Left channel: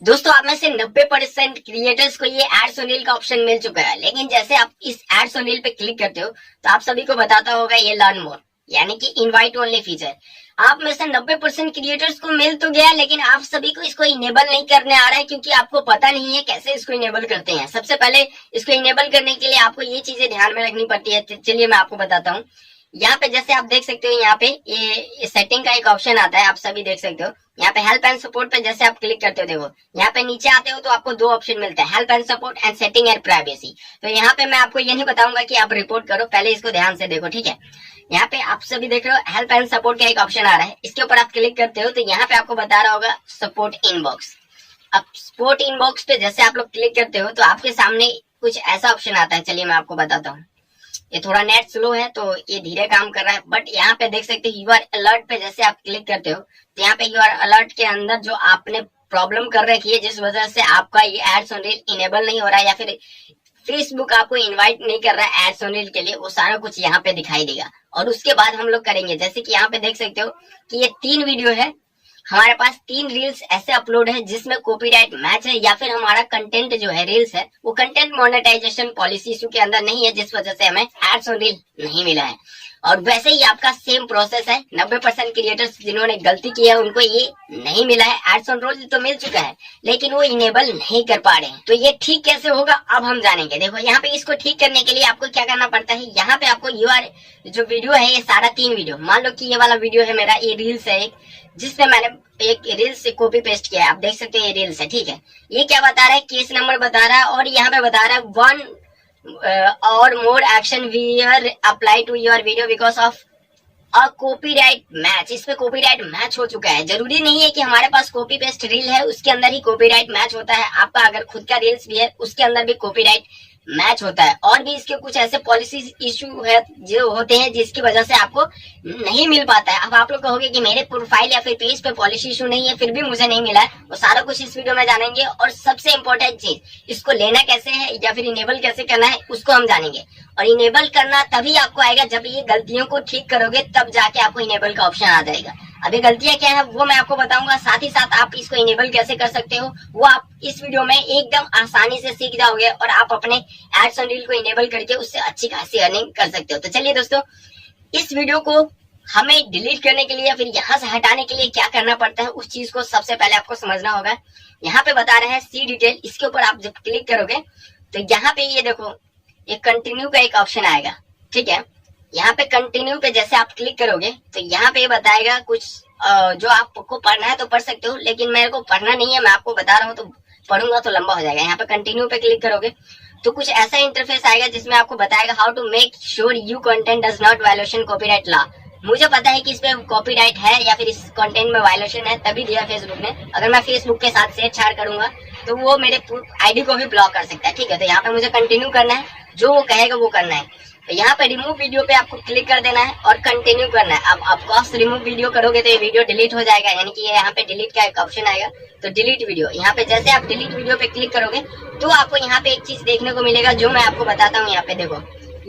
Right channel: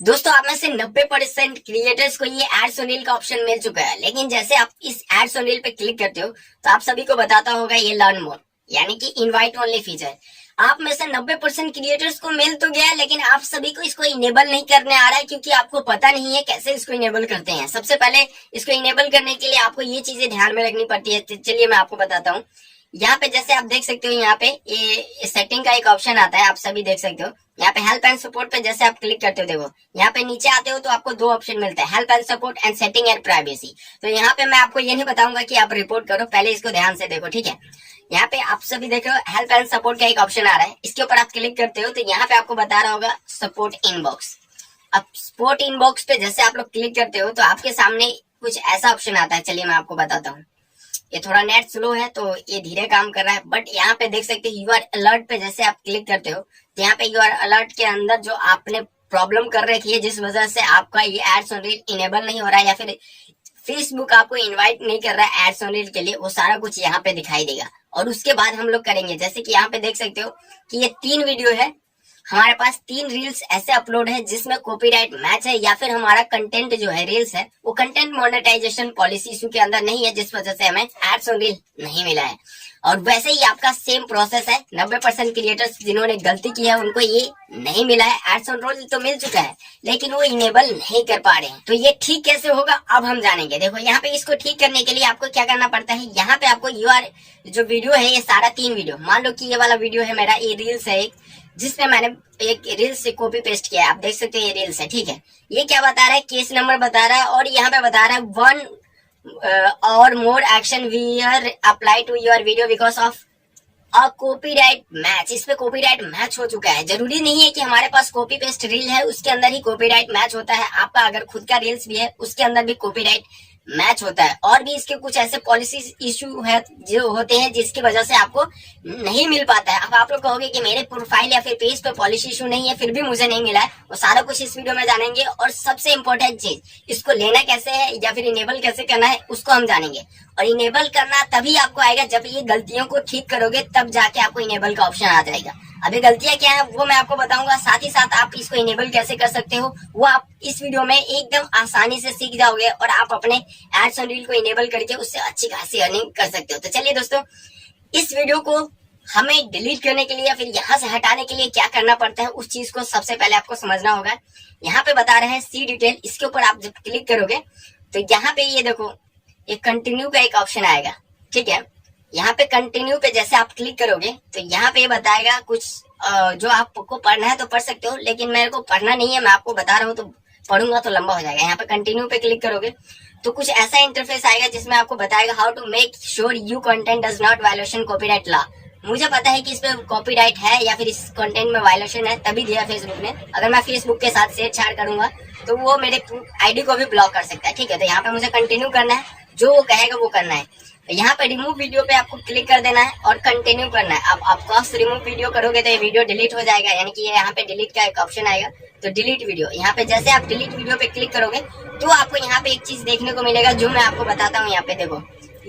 दोस्तों आप में से 90% क्रिएटर्स को ये एड्स ओन रील का ऑप्शन मिल चुका है, लेकिन जैसे आप इस एड्स ओन रील पे क्लिक करते हो तो आप सभी को बताता होगा ये लर्न मोर यानी कि इनवाइट ओनली फीचर। आप में से 90% क्रिएटर्स को मिल तो गया, लेकिन आप सभी को इसको इनेबल नहीं करने आ रहा है क्योंकि आपको पता नहीं है कैसे इसको इनेबल करते हैं। सबसे पहले इसको इनेबल करने के लिए आपको ये चीजें ध्यान में रखनी पड़ती है। चलिए मैं आपको बताता हूँ। यहाँ पे जैसे आप देख सकते हो, यहाँ पे ये सेटिंग का एक ऑप्शन आता है, आप सभी देख सकते हो। यहाँ पे हेल्प एंड सपोर्ट पे जैसे आप क्लिक करते हो, देखो यहाँ पे नीचे आते हो तो आपको दो ऑप्शन मिलता है, help and support and setting and privacy. तो यहाँ पे मैं आपको ये नहीं बताऊंगा कि आप रिपोर्ट करो, पहले इसको ध्यान से देखो, ठीक है। यहाँ पे आप सभी देख रहे हो हेल्प एंड सपोर्ट का एक ऑप्शन आ रहा है, इसके ऊपर आप क्लिक करते हो तो यहाँ पे आपको बता रहा होगा सपोर्ट इनबॉक्स। अब सपोर्ट इनबॉक्स पे जैसे आप लोग क्लिक करते हो तो आपके सामने कुछ ऐसा ऑप्शन आता है। चलिए मैं आपको बताता हूँ। ये थोड़ा नेट स्लो है तो ये धीरे काम कर रहा है, बट यहाँ पे देख सकते हैं यू आर अलर्ट पे जैसे आप क्लिक करते हो तो यहाँ पे यू आर अलर्ट के अंदर जो आपने प्रॉब्लम कर रखी है, जिस वजह से आपका ये एड्स ऑन रील इनेबल नहीं हो रहा है या फिर फेसबुक आपको इनवाइट नहीं कर रहा है एड्स ऑन रील के लिए, वो सारा कुछ यहाँ पे दिखाई देगा। और उसके बाद हम लोग करेंगे, जैसे कि यहाँ पे देख सकते हो कि ये 3 वीडियो है, हमारे पास 3 रील्स ऐसे अपलोड है जिसमें कॉपीराइट मैच है या फिर हमारा कंटेंट जो है रील्स है वो कंटेंट मोनेटाइजेशन पॉलिसी इशू के अंदर नहीं है, जिस वजह से हमें एड्स ऑन रील नहीं मिला है। और वैसे ही आपका सेम प्रोसेस है, 90% क्रिएटर्स जिन्होंने गलती की है उनको ये नहीं मिला है। एड्स ऑन रील तो मिल चुका है लेकिन वो इनेबल नहीं कर पा रहे हैं, तो ये ठीक कैसे होगा अब हम जानेंगे। देखो यहाँ पे इसको ठीक करने के लिए आपको क्या करना पड़ता है, यहाँ पे आपको जो वीडियो है ये सारा 3 वीडियो, मान लो कि ये वाला वीडियो है मेरा, ये रील्स है एक जिसपे मैंने एक रील्स से कॉपी पेस्ट किया है, आप देख सकते हैं ये रील्स है, ठीक है। ये क्या बता रहा है, केस नंबर बता रहा है और यहाँ पे बता रहा है 1 और more action we are apply to your video because of a copyright match. इस पे कॉपीराइट मैच हो चुका है। जरूरी नहीं है कि हमारे पास कॉपी पेस्ट रील है उसके अंदर ही कॉपीराइट मैच होता है, आपका अगर खुद का रील्स भी है उसके अंदर भी कॉपीराइट मैच होता है। और भी इसके कुछ ऐसे पॉलिसी इशू है जो होते हैं जिसकी वजह से आपको नहीं मिल पाता है। अब आप लोग कहोगे कि मेरे प्रोफाइल या फिर पेज पे पॉलिसी इशू नहीं है फिर भी मुझे नहीं मिला है, वो सारा कुछ इस वीडियो में जानेंगे। और सबसे इम्पोर्टेंट चीज, इसको लेना कैसे है या फिर इनेबल कैसे करना है उसको हम जानेंगे। और इनेबल करना तभी आपको आएगा जब ये गलतियों को ठीक करोगे, तब जाके आपको इनेबल का ऑप्शन आ जाएगा। अभी गलतियां क्या है वो मैं आपको बताऊंगा, साथ ही साथ आप इसको इनेबल कैसे कर सकते हो वो आप इस वीडियो में एकदम आसानी से सीख जाओगे और आप अपने एड्स ऑन रील को इनेबल करके उससे अच्छी खासी अर्निंग कर सकते हो। तो चलिए दोस्तों, इस वीडियो को हमें डिलीट करने के लिए या फिर यहाँ से हटाने के लिए क्या करना पड़ता है उस चीज को सबसे पहले आपको समझना होगा। यहाँ पे बता रहे हैं सी डिटेल, इसके ऊपर आप जब क्लिक करोगे तो यहाँ पे ये देखो ये कंटिन्यू का एक ऑप्शन आएगा, ठीक है। यहाँ पे कंटिन्यू पे जैसे आप क्लिक करोगे तो यहाँ पे बताएगा कुछ जो आपको पढ़ना है तो पढ़ सकते हो, लेकिन मेरे को पढ़ना नहीं है, मैं आपको बता रहा हूँ तो पढ़ूंगा तो लंबा हो जाएगा। यहाँ पे कंटिन्यू पे क्लिक करोगे तो कुछ ऐसा इंटरफेस आएगा जिसमें आपको बताएगा how to make sure you content does not violation copyright law. मुझे पता है कि इसमें कॉपीराइट है या फिर इस कंटेंट में वायलेशन है, तभी दिया फेसबुक ने। अगर मैं फेसबुक के साथ छेड़छाड़ करूंगा तो वो मेरे आईडी को भी ब्लॉक कर सकता है, ठीक है। तो यहाँ पे मुझे कंटिन्यू करना है, जो वो कहेगा वो करना है। तो यहाँ पे रिमूव वीडियो पे आपको क्लिक कर देना है और कंटिन्यू करना है। अब आपको रिमूव वीडियो करोगे तो ये वीडियो डिलीट हो जाएगा, यानी कि यहाँ पे डिलीट का एक ऑप्शन आएगा, तो डिलीट वीडियो। यहाँ पे जैसे आप डिलीट वीडियो पे क्लिक करोगे तो आपको यहाँ पे एक चीज देखने को मिलेगा जो मैं आपको बताता हूँ। यहाँ पे देखो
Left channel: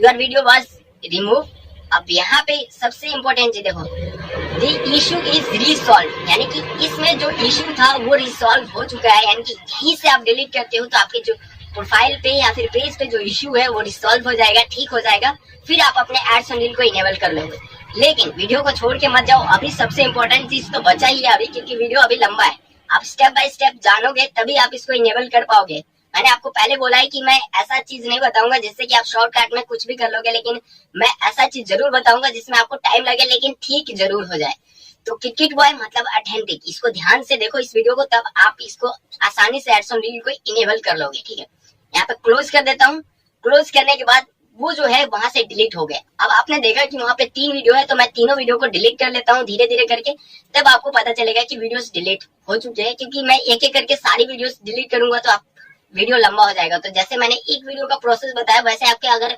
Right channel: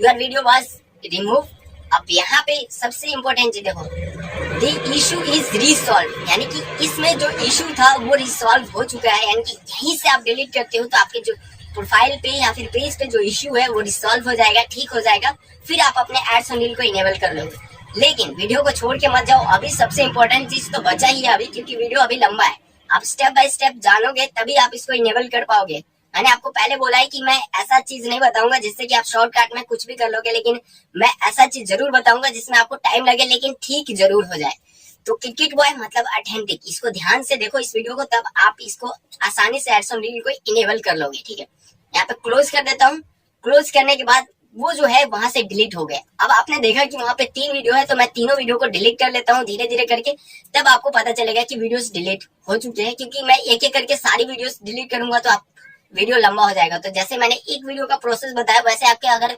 योर वीडियो वाज रिमूव। अब यहाँ पे सबसे इम्पोर्टेंट चीज देखो, द इशू इज रिसॉल्व, यानी कि इसमें जो इशू था वो रिसॉल्व हो चुका है। यानी कि यहीं से आप डिलीट करते हो तो आपके जो प्रोफाइल पे या फिर पेज पे जो इशू है वो रिसॉल्व हो जाएगा, ठीक हो जाएगा, फिर आप अपने एड्स ऑन रील को इनेबल कर लोगे। लेकिन वीडियो को छोड़ के मत जाओ, अभी सबसे इम्पोर्टेंट चीज तो बचा ही है अभी, क्योंकि वीडियो अभी लंबा है। आप स्टेप बाय स्टेप जानोगे तभी आप इसको इनेबल कर पाओगे। मैंने आपको पहले बोला है कि मैं ऐसा चीज नहीं बताऊंगा जिससे कि आप शॉर्टकट में कुछ भी कर लोगे, लेकिन मैं ऐसा चीज जरूर बताऊंगा जिसमें आपको टाइम लगे लेकिन ठीक जरूर हो जाए। तो क्रिकेट बॉय मतलब ऑथेंटिक, इसको ध्यान से देखो इस वीडियो को, तब आप इसको आसानी से एड्स ऑन रील को इनेबल कर लोगे, ठीक है। यहाँ पे क्लोज कर देता हूँ। क्लोज करने के बाद वो जो है वहां से डिलीट हो गया। अब आपने देखा कि वहां पे 3 वीडियो है, तो मैं तीनों वीडियो को डिलीट कर लेता हूँ धीरे धीरे करके, तब आपको पता चलेगा कि वीडियोस डिलीट हो चुके हैं। क्योंकि मैं एक एक करके सारी वीडियोस डिलीट करूंगा तो आप वीडियो लंबा हो जाएगा। तो जैसे मैंने एक वीडियो का प्रोसेस बताया, वैसे आपके अगर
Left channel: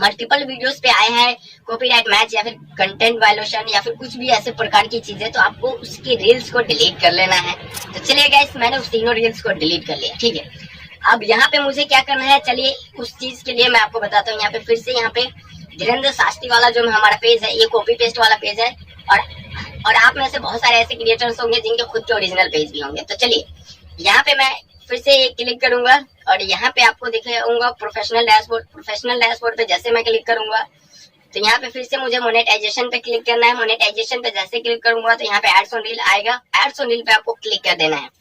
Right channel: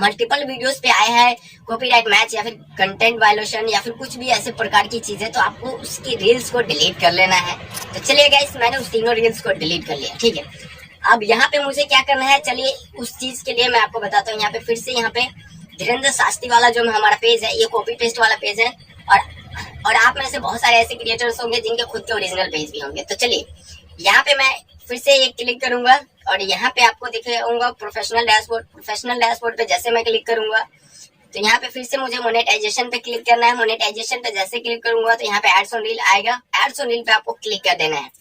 मल्टीपल वीडियोस पे आए हैं कॉपीराइट मैच या फिर कंटेंट वायलेशन या फिर कुछ भी ऐसे प्रकार की चीजें, तो आपको उसकी रील्स को डिलीट कर लेना है। तो चलिए गाइस, मैंने उस तीनों रील्स को डिलीट कर लिया, ठीक है। अब यहाँ पे मुझे क्या करना है, चलिए उस चीज के लिए मैं आपको बताता हूँ। यहाँ पे फिर से यहाँ पे धीरेन्द्र शास्त्री वाला जो हमारा पेज है, ये कॉपी पेस्ट वाला पेज है। और आप में से बहुत सारे ऐसे क्रिएटर्स होंगे जिनके खुद के ओरिजिनल पेज भी होंगे। तो चलिए यहाँ पे मैं फिर से एक क्लिक करूंगा और यहाँ पे आपको दिखाऊंगा प्रोफेशनल डैशबोर्ड। प्रोफेशनल डैशबोर्ड पे जैसे मैं क्लिक करूंगा तो यहाँ पे फिर से मुझे मोनेटाइजेशन पे क्लिक करना है। मोनेटाइजेशन पे जैसे क्लिक करूंगा तो यहाँ पे एड्स ऑन रील आएगा। एड्स ऑन रील पे आपको क्लिक कर देना है।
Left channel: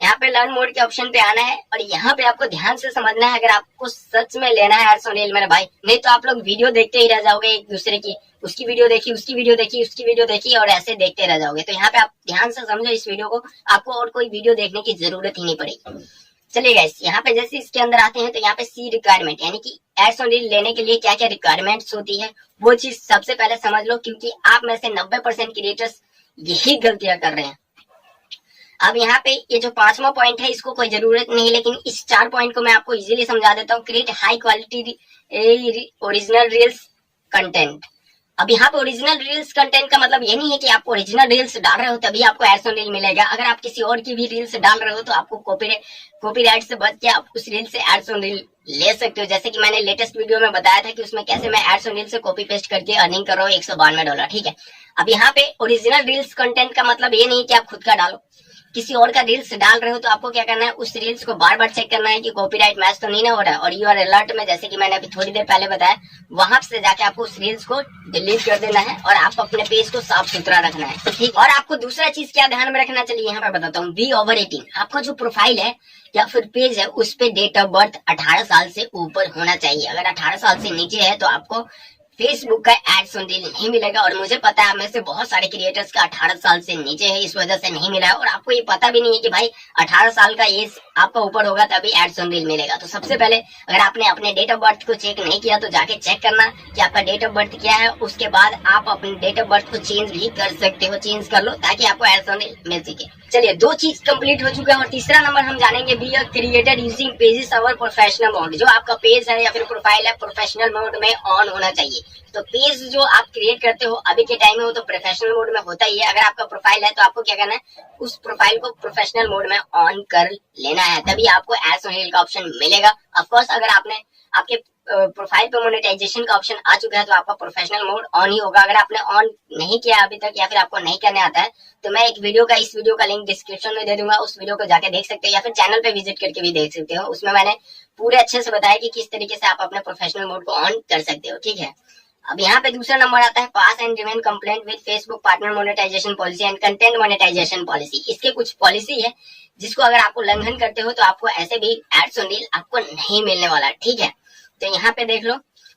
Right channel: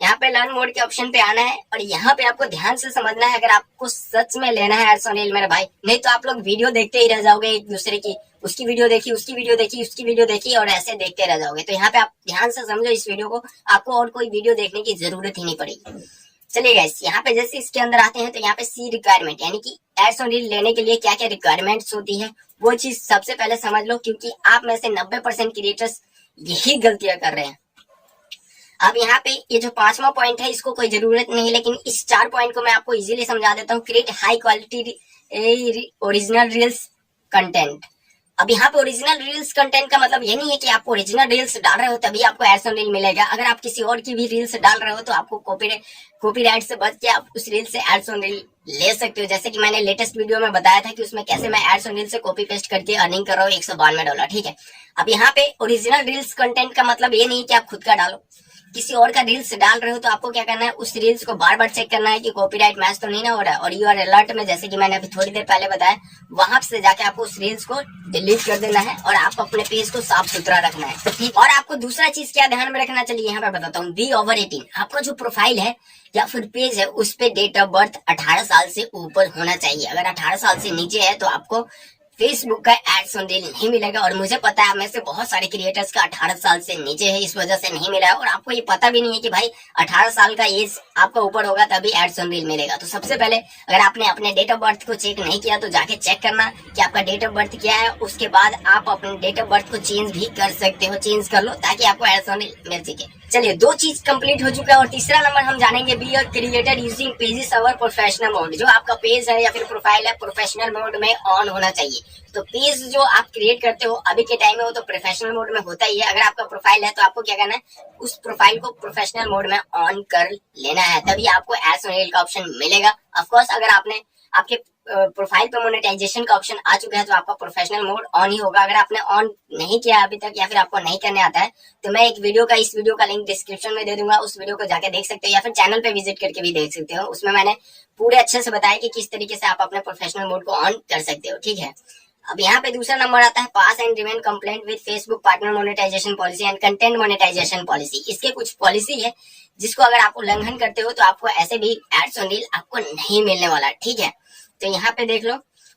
यहाँ पे लर्न मोड के ऑप्शन पे आना है और यहाँ पे आपको ध्यान से समझना है, अगर आपको सच में लेना है एड्स ऑन रील मेरे भाई, नहीं तो आप लोग वीडियो देखते ही रह जाओगे एक दूसरे की, उसकी वीडियो देखी, उसकी वीडियो देखी, उसकी वीडियो देखी और ऐसे देखते रह जाओगे। तो यहाँ पे आप ध्यान से समझो इस वीडियो को, आपको और कोई वीडियो देखने की जरूरत ही नहीं पड़ेगी। चलिए गाइस, यहाँ पे जैसे इसके अंदर आते हैं तो यहाँ पे सी रिक्वायरमेंट, यानी कि एड्स ऑन रील लेने के लिए क्या क्या रिक्वायरमेंट्स होती है वो चीज सबसे पहले समझ लो, क्योंकि आप में से 90% क्रिएटर्स यही गलतियां कर रहे हैं। अब यहाँ पे ये जो 5वां पॉइंट है इसको कोई जरूरत नहीं, लेकिन इस 4 पॉइंट को मैं आपको इजीली समझा देता हूँ। Create high quality original reels content. अब यहाँ पे ओरिजिनल रील्स कंटेंट का मतलब ये नहीं है कि आप ओरिजिनल रील्स डाल रहे हो तभी आपको एड्स ऑन रील मिलेगा। अगर आप किसी और की भी रील्स डाल रहे हो तो आपको कॉपीराइट से बच के आप उस रील से एड्स ऑन रील ले सकते हो। जैसे कि मैंने लेटेस्ट वीडियो में बताया था कि उसमें कैसे मैं एड्स ऑन रील से कॉपी पेस्ट करके अर्निंग कर रहा हूँ $192। ठीक है, अब यहाँ पे ओरिजिनल रील्स कंटेंट का मतलब ये नहीं कि आप खुद का डालो, किसी और का रील्स डाल रहे हो तो आपको क्या करना है, उस रील्स को बार बार चेक करना है कि कॉपीराइट मैच तो नहीं ना हो रहा है। और यूआर अलर्ट में, जैसे कि मैंने अभी थोड़ी देर पहले बताया, वहां से जाके आपको उस रील्स को डिलीट कर देना है और आपको अपने पेज को साफ सुथरा रखना है। ठीक, और आपको दूसरा चीज क्या ध्यान में रखना, चलिए यहाँ पे बताता हूँ। बी ओवर 18, आपका जो प्रोफाइल है या फिर पेज है उस पे डेट ऑफ बर्थ 18 साल से ऊपर होना चाहिए। अगर 18 साल से नीचे है तो आपको फेसबुक का एड्स ऑन रील नहीं मिलेगा। और मुझे पता है में से बहुत सारे क्रिएटर्स का 18 साल से नीचे है, इस वजह से नहीं मिला है। और आपको ये पता भी नहीं है कि भाई 18 साल का एज आपका ऊपर होगा तभी एड्स ऑन रील मिलेगा। तो सबसे पहले अगर आपने अपने डेट ऑफ बर्थ को चेक नहीं किया तो जाके चेक करना कि आपका डेट ऑफ बर्थ क्या है। उसके बाद आप अपने डेट ऑफ बर्थ को चेंज भी कर सकते हो, चेंज कर लो ताकि आपको एड्स ऑन रील मिल सके। चलिए, 2 चीज कंप्लीट हो चुका है और तीसरा नंबर हम जानेंगे, be a creator using pages our professional mode. जो आपका पेज है या फिर प्रोफाइल है प्रोफेशनल मोड में ऑन होना चाहिए। तो पेज जो आप क्रिएट करते हो अभी के टाइम में वो तो प्रोफेशनल मोड में होता ही है। अगर आपका प्रोफाइल है तो आपको क्या करना है, उस प्रोफाइल को प्रोफेशनल मोड में ऑन कर लेना है, तभी आपको एड्स ऑन रील का ऑप्शन मिलेगा। ऑफ कोर्स अगर आपके प्रोफाइल पे मोनेटाइजेशन का ऑप्शन आ चुका है तो आपका प्रोफेशनल मोड ऑन ही होगा। अगर आपने ऑन नहीं किया अभी तक या फिर आपको नहीं करने आता है तो मैं इस वीडियो का लिंक डिस्क्रिप्शन में दे दूंगा, उस वीडियो को जाके देख सकते हो या फिर चैनल पे विजिट करके भी देख सकते हो। उसमें मैंने पूरे अच्छे से बताया कि किस तरीके से आप अपने प्रोफेशनल मोड को ऑन कर सकते हो। ठीक है, अब यहाँ पे दूसरा नंबर आता है, pass and remain compliant with Facebook partner monetisation policy and content monetisation policy. इसके कुछ पॉलिसी है जिसको अगर आप उल्लंघन करते हो तो आपको ऐसे भी एड्स ऑन रील आपको नहीं मिलने वाला। ठीक है, तो यहाँ पे देख लो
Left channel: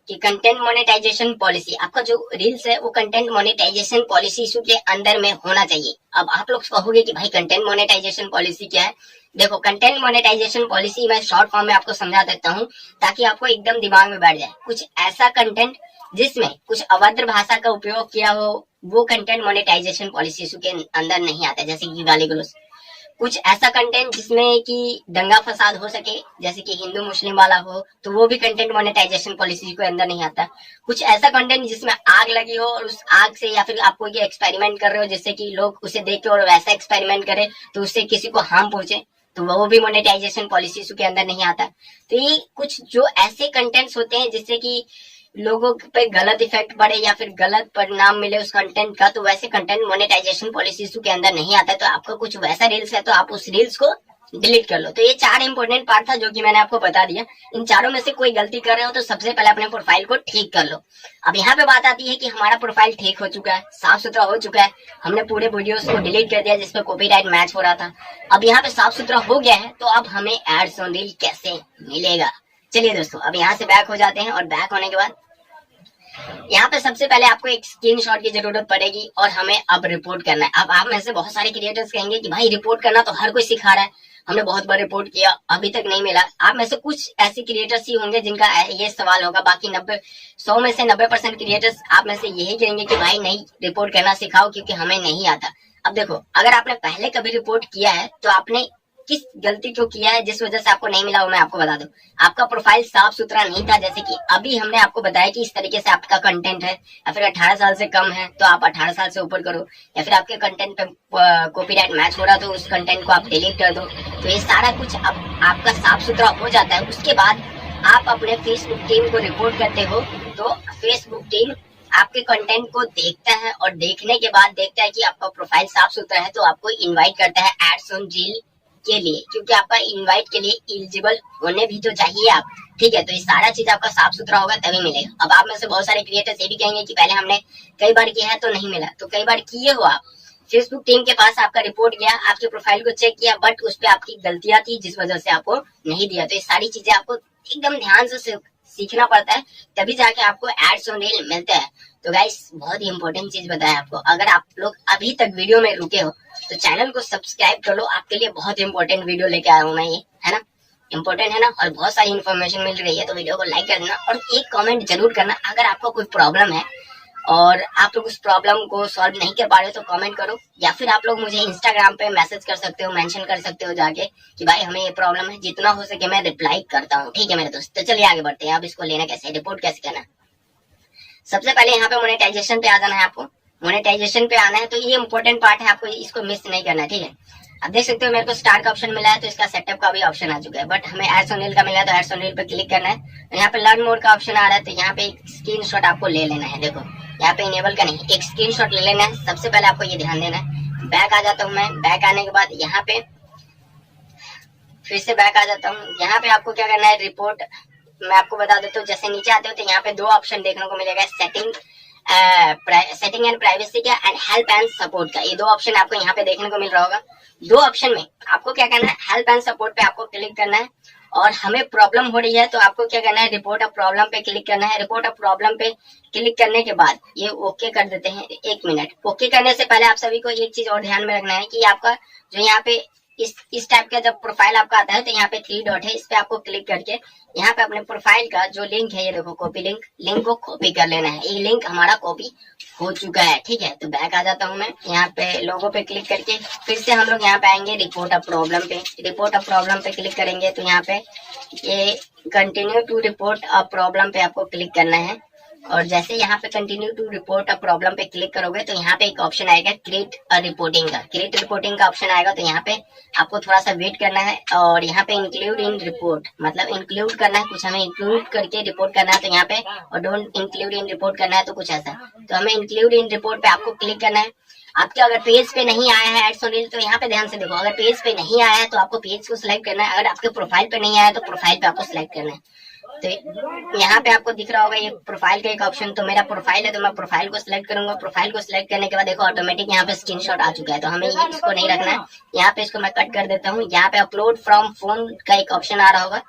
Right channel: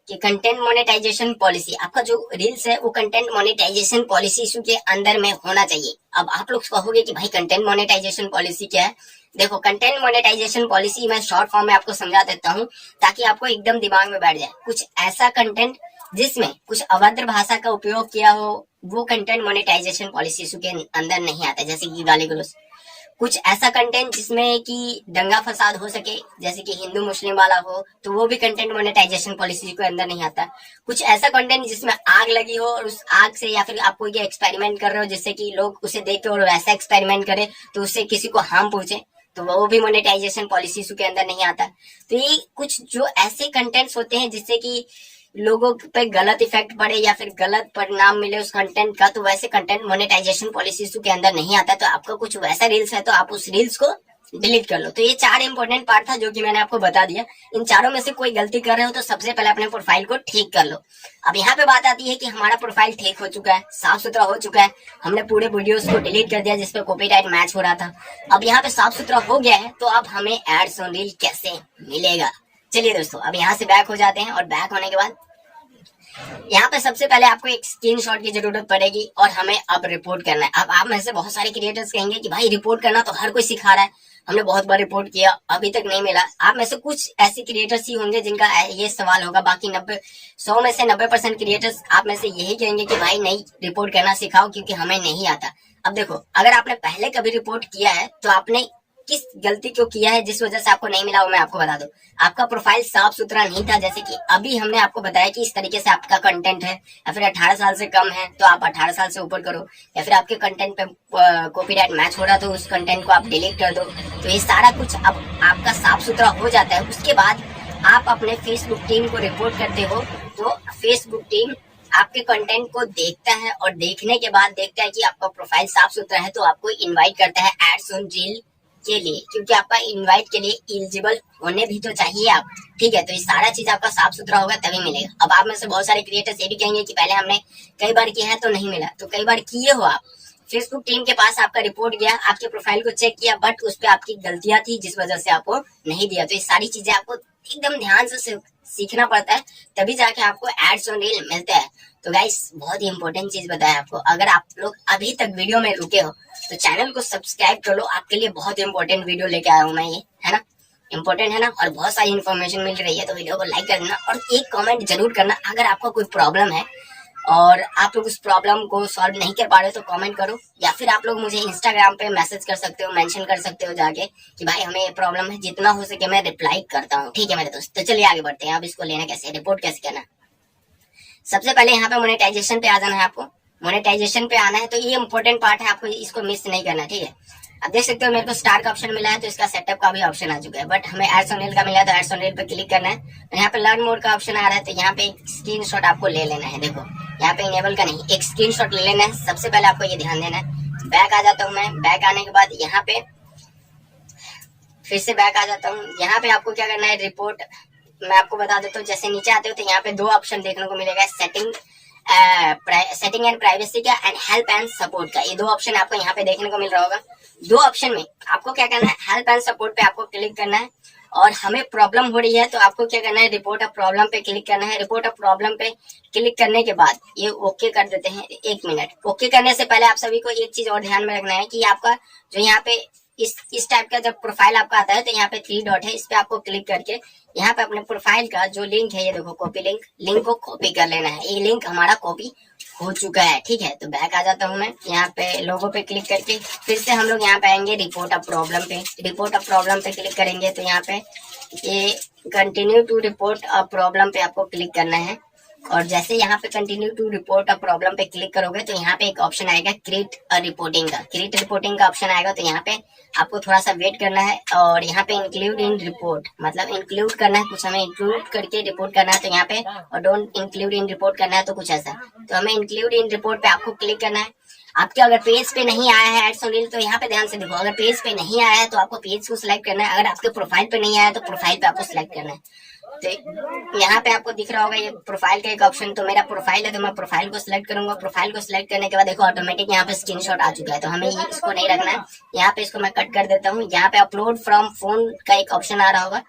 कि कंटेंट मोनेटाइजेशन पॉलिसी, आपका जो रील्स है वो कंटेंट मोनेटाइजेशन पॉलिसी इशू के अंदर में होना चाहिए। अब आप लोग कहोगे कि भाई कंटेंट मोनेटाइजेशन पॉलिसी क्या है। देखो, कंटेंट मोनेटाइजेशन पॉलिसी मैं शॉर्ट फॉर्म में आपको समझा देता हूँ ताकि आपको एकदम दिमाग में बैठ जाए। कुछ ऐसा कंटेंट जिसमें कुछ अभद्र भाषा का उपयोग किया हो वो कंटेंट मोनेटाइजेशन पॉलिसी इशू के अंदर नहीं आता, जैसे कि गाली गलौज। कुछ ऐसा कंटेंट जिसमें कि दंगा फसाद हो सके, जैसे कि हिंदू मुस्लिम वाला हो, तो वो भी कंटेंट मोनेटाइजेशन पॉलिसी के अंदर नहीं आता। कुछ ऐसा कंटेंट जिसमें आग लगी हो और उस आग से या फिर आप कोई एक्सपेरिमेंट कर रहे हो जिससे कि लोग उसे देख के और वैसा एक्सपेरिमेंट करे तो उससे किसी को हार्म पहुंचे, तो वो भी मोनेटाइजेशन पॉलिसी के अंदर नहीं आता। तो ये कुछ जो ऐसे कंटेंट्स होते हैं जिससे कि लोगों पे गलत इफेक्ट पड़े या फिर गलत परिणाम मिले उस कंटेंट का, तो वैसे कंटेंट मोनेटाइजेशन पॉलिसी के अंदर नहीं आता। तो आपका कुछ वैसा रील्स है तो आप उस रील्स को डिलीट कर लो। तो ये 4 इंपॉर्टेंट पार्ट था जो कि मैंने आपको बता दिया। इन चारों में से कोई गलती कर रहे हो तो सबसे पहले अपने प्रोफाइल को ठीक कर लो। अब यहाँ पे बात आती है कि हमारा प्रोफाइल ठीक हो चुका है, साफ सुथरा हो चुका है, हमने पूरे वीडियोस को डिलीट कर दिया जिसपे कॉपीराइट मैच हो रहा था। अब यहाँ पे साफ सुथरा हो गया है तो अब हमें एड्स ऑन रील कैसे मिलेगा। चलिए दोस्तों, अब यहाँ से बैक हो जाते हैं और बैक होने के बाद यहाँ पे सबसे पहले आपको एक स्क्रीनशॉट की जरूरत पड़ेगी और हमें अब रिपोर्ट करना है। अब आप में से बहुत सारे क्रिएटर्स कहेंगे कि भाई रिपोर्ट करना तो हर कोई सिखा रहा है, हमने बहुत बार रिपोर्ट किया अभी तक नहीं मिला। आप में से कुछ ऐसे क्रिएटर्स ही होंगे जिनका ये सवाल होगा, बाकी 100 में से 90% क्रिएटर्स आप में से यही कहेंगे कि भाई नहीं, रिपोर्ट करना सिखाओ क्योंकि हमें नहीं आता। अब देखो, अगर आपने पहले कभी रिपोर्ट किया है तो आपने किस गलती को किया है जिस वजह से आपको नहीं मिला वो मैं आपको बता दूं। आपका प्रोफाइल साफ सुथरा नहीं था, जैसे कि अभी हमने आपको बताया कि इस तरीके से आपका कंटेंट है, या फिर 18 साल से कम है तो आप 18 साल से ऊपर करो, या फिर आपके कंटेंट पे कॉपीराइट मैच हो रहा तो उस कंटेंट को आप डिलीट कर दो। तो ये सारा कुछ आपका साफ सुथरा हो जाता है। उसके बाद आप अपने फेसबुक टीम को रिपोर्ट करते हो तो फेसबुक टीम आपके कंटेंट को देखता है और देखने के बाद देखता है कि आपका प्रोफाइल साफ सुथरा है तो आपको इनवाइट करता है एड्स ऑन रील के लिए, क्योंकि आपका इनवाइट के लिए एलिजिबल होने भी तो चाहिए आप। ठीक है, तो ये सारा चीज आपका साफ सुथरा होगा तभी मिलेगा। अब आप में से बहुत सारे क्रिएटर्स ये भी कहेंगे कि पहले हमने कई बार किया है तो नहीं मिला, तो कई बार किए हो आप, फेसबुक टीम के पास आपका रिपोर्ट गया, आपके प्रोफाइल को चेक किया, बट उस पर आपकी गलतियां थी जिस वजह से आपको नहीं दिया। तो ये सारी चीजें आपको एकदम ध्यान से सीखना पड़ता है, तभी जाके आपको एड्स ऑन रील मिलते हैं। तो गाइस बहुत ही इंपॉर्टेंट चीज बताया आपको, अगर आप लोग अभी तक वीडियो में रुके हो तो चैनल को सब्सक्राइब कर लो, आपके लिए बहुत इंपॉर्टेंट वीडियो लेके आया हूँ मैं, ये है ना, इंपॉर्टेंट है ना, और बहुत सारी इन्फॉर्मेशन मिल रही है। तो वीडियो को लाइक कर देना और एक कमेंट जरूर करना अगर आपका कोई प्रॉब्लम है और आप लोग उस प्रॉब्लम को सॉल्व नहीं कर पा रहे हो तो कमेंट करो, या फिर आप लोग मुझे इंस्टाग्राम पे मैसेज कर सकते हो, मेंशन कर सकते हो जाके कि भाई हमें ये प्रॉब्लम है, जितना हो सके मैं रिप्लाई करता हूँ। ठीक है मेरे दोस्त, तो चलिए आगे बढ़ते हैं। अब इसको लेना कैसे, रिपोर्ट कैसे करना। सबसे पहले यहाँ पे मोनेटाइजेशन पे आ जाना है आपको। मोनेटाइजेशन पे आना है तो ये इंपॉर्टेंट पार्ट है, आपको इसको मिस नहीं करना। ठीक है, अब देख सकते हो मेरे को स्टार्ट का ऑप्शन मिला है, तो इसका सेटअप का भी ऑप्शन आ चुका है, बट हमें एड्स ऑन रील का मिला है तो एड्स ऑन रील पे क्लिक करना है। यहाँ पे लर्न मोड का ऑप्शन आ रहा है, तो यहाँ पे स्क्रीनशॉट आपको ले लेना है। देखो यहाँ पे इनेबल का नहीं, एक स्क्रीनशॉट ले लेना है। सबसे पहले आपको ये ध्यान देना है। बैक आ जाता हूँ मैं, बैक आने के बाद यहाँ पे फिर से बैक आ जाता हूँ। यहाँ पे आपको क्या करना है, रिपोर्ट मैं आपको बता देता हूँ। जैसे नीचे आते हो तो यहाँ पे दो ऑप्शन देखने को मिलेगा, सेटिंग एंड प्राइवेसी का एंड हेल्प एंड सपोर्ट का। ये दो ऑप्शन आपको यहाँ पे देखने को मिल रहा होगा। दो ऑप्शन में आपको क्या करना है, हेल्प एंड सपोर्ट पे आपको क्लिक करना है, और हमें प्रॉब्लम हो रही है तो आपको क्या करना है, रिपोर्ट ऑफ प्रॉब्लम पे क्लिक करना है। रिपोर्ट ऑफ प्रॉब्लम पे क्लिक करने के बाद ये ओके कर देते हैं। 1 मिनट, ओके करने से पहले आप सभी को एक चीज और ध्यान में रखना है कि आपका जो यहाँ पे इस टाइप का जब प्रोफाइल आपका आता है तो यहाँ पे 3 डॉट है, इस पे आपको क्लिक करके यहाँ पे अपने प्रोफाइल का जो लिंक है, ये देखो कॉपी लिंक को कॉपी कर लेना है। ये लिंक हमारा कॉपी हो चुका है। ठीक है, तो बैक आ जाता हूँ मैं, यहाँ पे लोगो पे क्लिक करके फिर से हम लोग यहाँ पे आएंगे रिपोर्ट ऑफ प्रॉब्लम पे। रिपोर्ट ऑफ प्रॉब्लम पे क्लिक करेंगे तो यहाँ पे ये continue to report a problem पे आपको क्लिक करना है, और जैसे यहाँ पे continue to report a problem पे क्लिक करोगे तो यहाँ पे एक ऑप्शन आएगा क्रिएट अ रिपोर्टिंग का। क्रिएट रिपोर्टिंग का ऑप्शन आएगा, तो यहाँ पे आपको थोड़ा सा वेट करना है, और यहाँ पे इंक्लूड इन रिपोर्ट मतलब इंक्लूड करना है, कुछ हमें इंक्लूड करके रिपोर्ट करना है तो यहाँ पे, और डोंट इंक्लूड इन रिपोर्ट करना है तो कुछ ऐसा। तो हमें इंक्लूड इन रिपोर्ट पे आपको क्लिक करना है। आपके अगर पेज पे नहीं आया है एड्स ऑन रील, तो यहाँ पे ध्यान से देखो, अगर पेज पे नहीं आया है तो आपको पेज को सिलेक्ट करना है, अगर आपके प्रोफाइल पे नहीं आया है तो प्रोफाइल पे आपको सिलेक्ट करना है। तो यहाँ पे आपको दिख रहा होगा ये प्रोफाइल का एक ऑप्शन, तो मेरा प्रोफाइल है तो मैं प्रोफाइल को सिलेक्ट करूंगा। प्रोफाइल को सिलेक्ट करने के बाद देखो ऑटोमेटिक यहाँ पे स्क्रीनशॉट आ चुका है, तो हमें इसको नहीं रखना है। यहाँ पे इसको मैं कट कर देता हूँ। यहाँ पे अपलोड फ्रॉम फोन का एक ऑप्शन आ रहा होगा,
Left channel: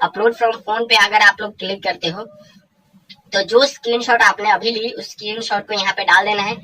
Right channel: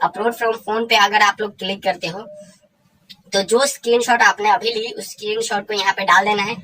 अपलोड फ्रॉम फोन पे अगर आप लोग क्लिक करते हो तो जो स्क्रीनशॉट आपने अभी ली उस स्क्रीनशॉट को यहाँ पे डाल देना है।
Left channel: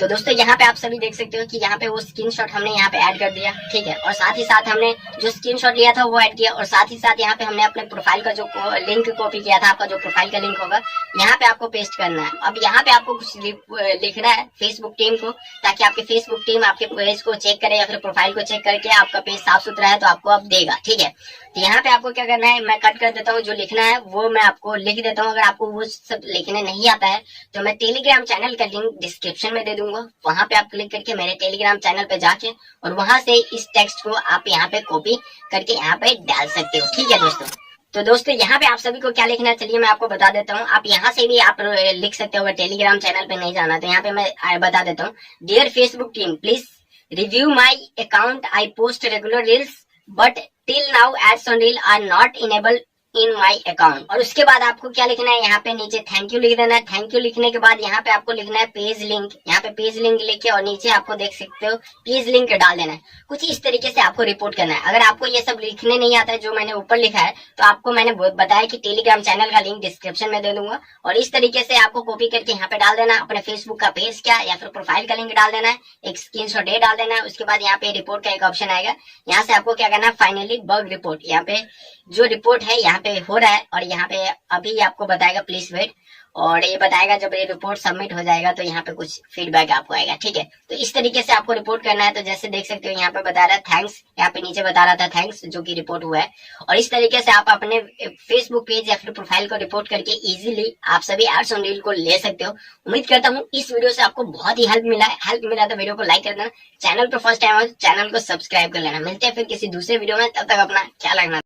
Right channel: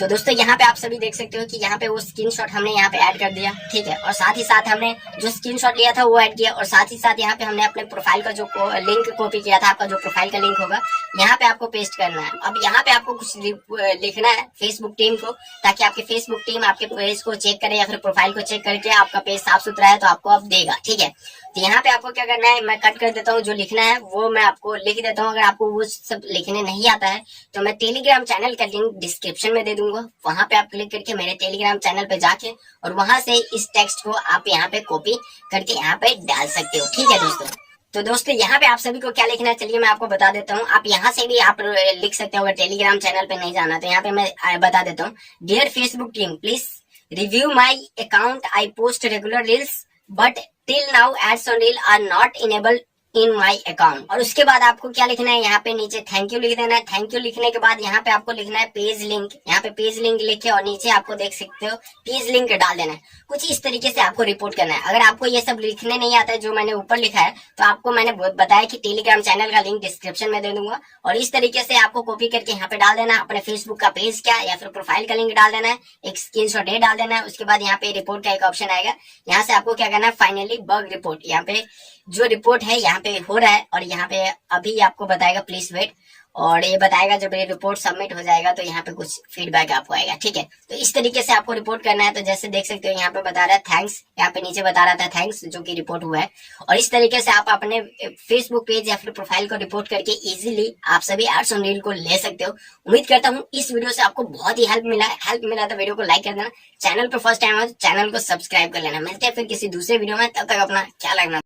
तो दोस्तों यहाँ पे आप सभी देख सकते हो कि यहाँ पे वो स्क्रीनशॉट हमने यहाँ पे ऐड कर दिया। ठीक है, और साथ ही साथ हमने जो स्क्रीनशॉट लिया था वो ऐड किया, और साथ ही साथ यहाँ पे हमने अपने प्रोफाइल का जो लिंक कॉपी किया था, आपका जो प्रोफाइल का लिंक होगा यहाँ पे आपको पेस्ट करना है। अब यहाँ पे आपको कुछ लिखना है फेसबुक टीम को, ताकि आपकी फेसबुक टीम आपके पेज को चेक करे या फिर प्रोफाइल को चेक करके आपका पेज साफ सुथरा है तो आपको अब देगा। ठीक है, तो यहाँ पे आपको क्या करना है, मैं कट कर देता हूँ, जो लिखना है वो मैं आपको लिख देता हूँ। अगर आपको वो सब लिखने नहीं आता है तो मैं टेलीग्राम चैनल का लिंक डिस्क्रिप्शन में दे दूंगा, वहां पे आप क्लिक करके मेरे टेलीग्राम चैनल पे जाके और वहां से इस टेक्स्ट को आप यहाँ पे कॉपी करके यहाँ पे डाल सकते हो। ठीक है दोस्तों, तो दोस्तों यहाँ पे आप सभी को क्या लिखना है चलिए मैं आपको बता देता हूँ। आप यहाँ से भी आप लिख सकते हो, अगर टेलीग्राम चैनल पे नहीं जाना तो यहाँ पे मैं बता देता हूँ। Dear Facebook team, please review my account, I post regular reels but till now ads on reel are not enable in my account. और उसके बाद आपको क्या लिखना है, यहाँ पे नीचे थैंक यू लिख देना है। थैंक यू लिखने के बाद यहाँ पे आपको लिखना है पेज लिंक, यहाँ पे पेज लिंक लिखे और नीचे आपको देख सकते हो पेज लिंक डाल देना है। कुछ इस तरीके से आपको रिपोर्ट करना है। अगर आपको ये सब लिखने नहीं आता है जो मैंने ऊपर लिखा है, तो आपको मैंने बताया कि टेलीग्राम चैनल का लिंक डिस्क्रिप्शन में दे दूंगा, और इस तरीके से आपको कॉपी करके यहाँ पे डाल देना, अपने फेसबुक का पेज क्या या फिर प्रोफाइल का लिंक डाल देना है, एक स्क्रीनशॉट ये डाल देना है। उसके बाद यहाँ पे रिपोर्ट का एक ऑप्शन आएगा, यहाँ से आपको क्या करना है, फाइनली बग रिपोर्ट, यहाँ पे जो रिपोर्ट है यहाँ पे हो रहा है, और यहाँ पे अभी आपको बताएगा प्लीज वेट, और ये बताएगा जब ये रिपोर्ट सबमिट हो जाएगा तो यहाँ पे कुछ फीडबैक आपको आएगा। ठीक है, तो इस तरीके से आपको रिपोर्ट करना है। तो जैसे देख सकते हो यहाँ पे बता रहा है थैंक्स, यहाँ पे नीचे बता रहा था थैंक्स, जो कि रिपोर्ट हुआ है। और इस तरीके से आप अपने फेसबुक पेज या फिर प्रोफाइल को रिपोर्ट करके इजीली आप सभी एड्स ऑन रील को ले सकते हो। उम्मीद करता हूँ इस वीडियो से आपको बहुत ही हेल्प मिला तो वीडियो को लाइक कर देना, चैनल पर फर्स्ट टाइम हो तो चैनल को सब्सक्राइब कर लेना। मिलते हैं फिर किसी दूसरे वीडियो में, तब तक अपना ख्याल रखना।